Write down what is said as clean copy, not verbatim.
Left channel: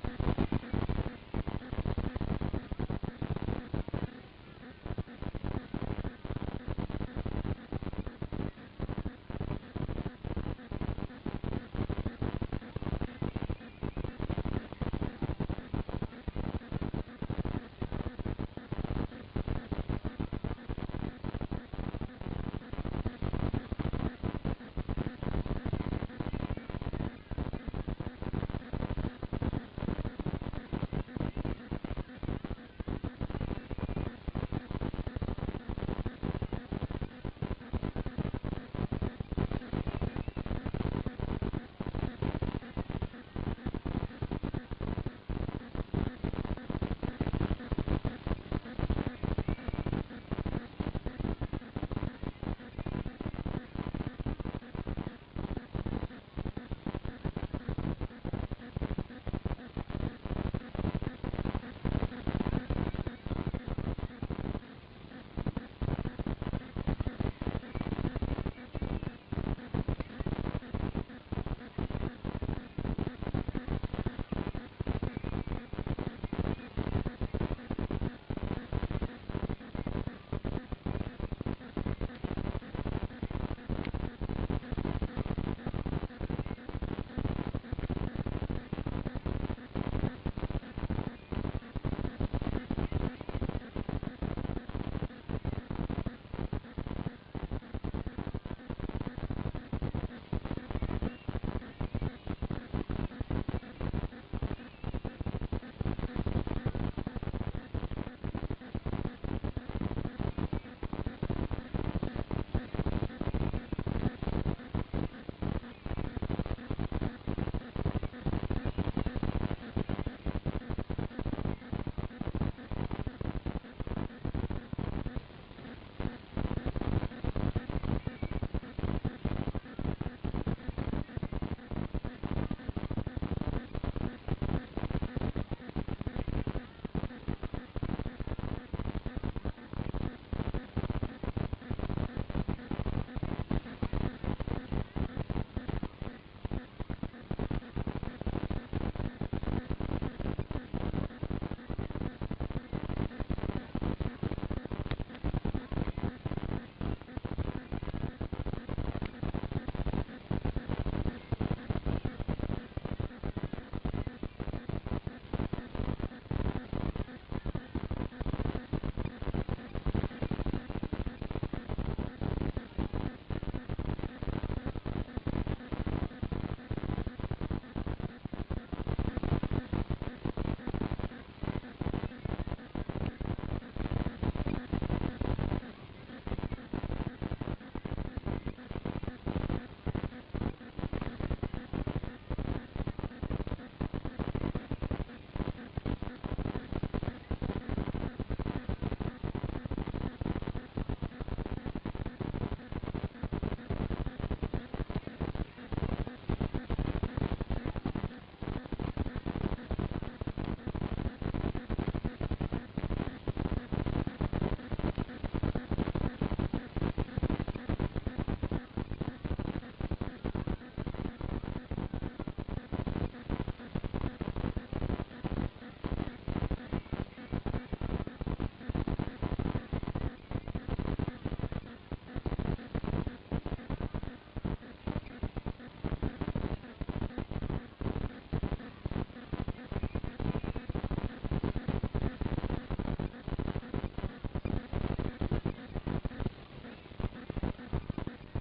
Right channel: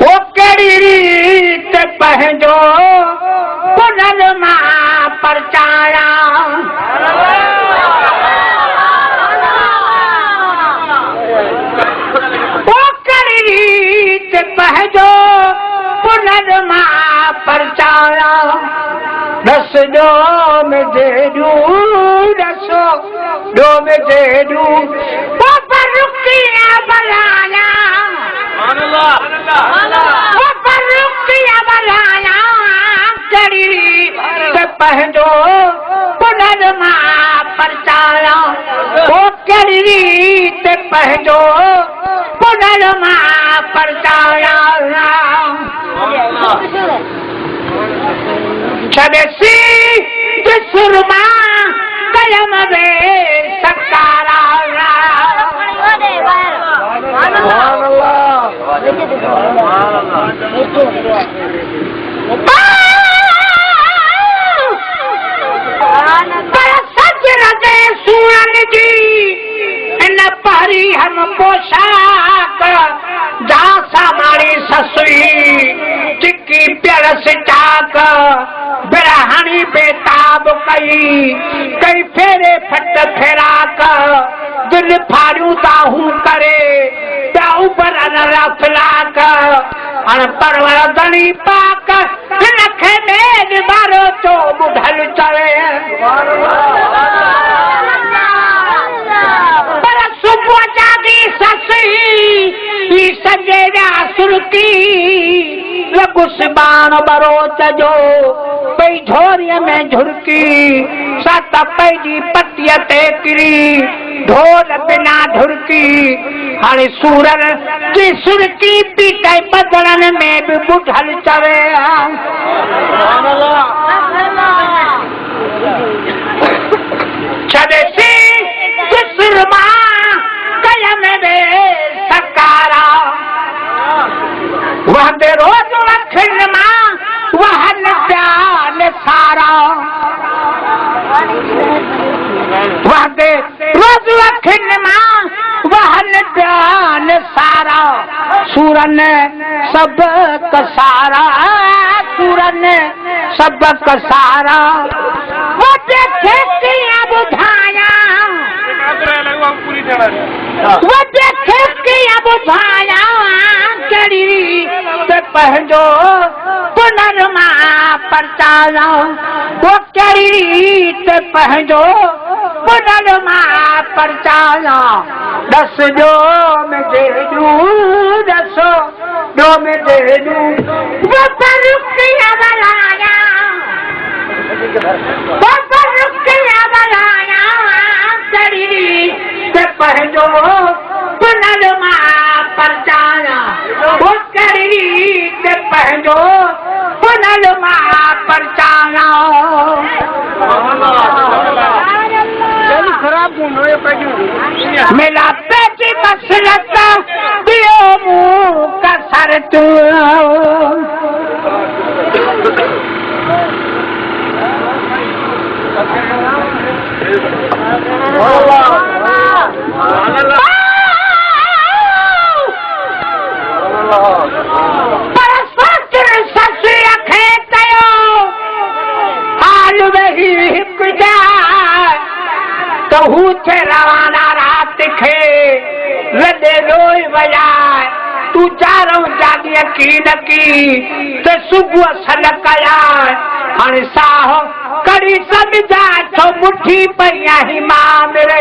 वो कड़ी रीत पंहिंजो पुनर मां परचाया वो कड़ी रीत पंहिंजो पुनर मां परचाया दस जो मुझे दू दसो दो मुझे दू वो पर रुकिया बलाया वो पर रुकिया बलाया कड़ी रीत पंहिंजो पुनर मां परचाया वो कड़ी रीत पंहिंजो पुनर मां परचाया छॾसी सुरमा कलम में सकारा पर सच रजे सूरन जी इन पहरी हम पोशाक दासा मारी ससुई चिकी प्यारस चाक बिरहानी बेताब कई कई फेरे फट फेराक दिल फाड़ू दाहू करे दाहू पर अनरा फिलाक अण परवर दली पाक नखे में मारो तो बुढ़ल चवे पर सुबह जागी ससुई सजेरा सुरती लगुस बाण बरोच जो पई झोरीअ में झुरकी सत पैजी पतीअ ते किरी ढोल बिना ढुरकी हाणे सूरन जी सुरकी पीटे बदड़न में बि बुढ़ल चवे छॾसी सुरमा कलम में सकारा वहदे रोज अखियुनि मां वहन प्यान सारा वहदे रोज अखियुनि मां वहन प्यान सारा सूरन सब कसारा सूरन सब कसारा वो देखे किया बुझाया वो देखे किया बुझाया कड़ी ते पंहिंजो पुनर मां परचाया वो कड़ी ते पंहिंजो पुनर मां परचाया दस जो मुझे दू दसो दो मुझे दू वो पर रुकिया बलाया वो पर रुकिया बलाया कड़ी ते पंहिंजो पुनर मां परचाया वो कड़ी ते पंहिंजो पुनर मां परचाया मेरा पेटी बसरत दियो मुँह का सर तू थे रवाना रात खे लदे रोई वजाए तू चारों जागी यकीन की ते सुबह सन कया हाणे साहो कड़ी समझा तो मुट्ठी पई ही मां मेरे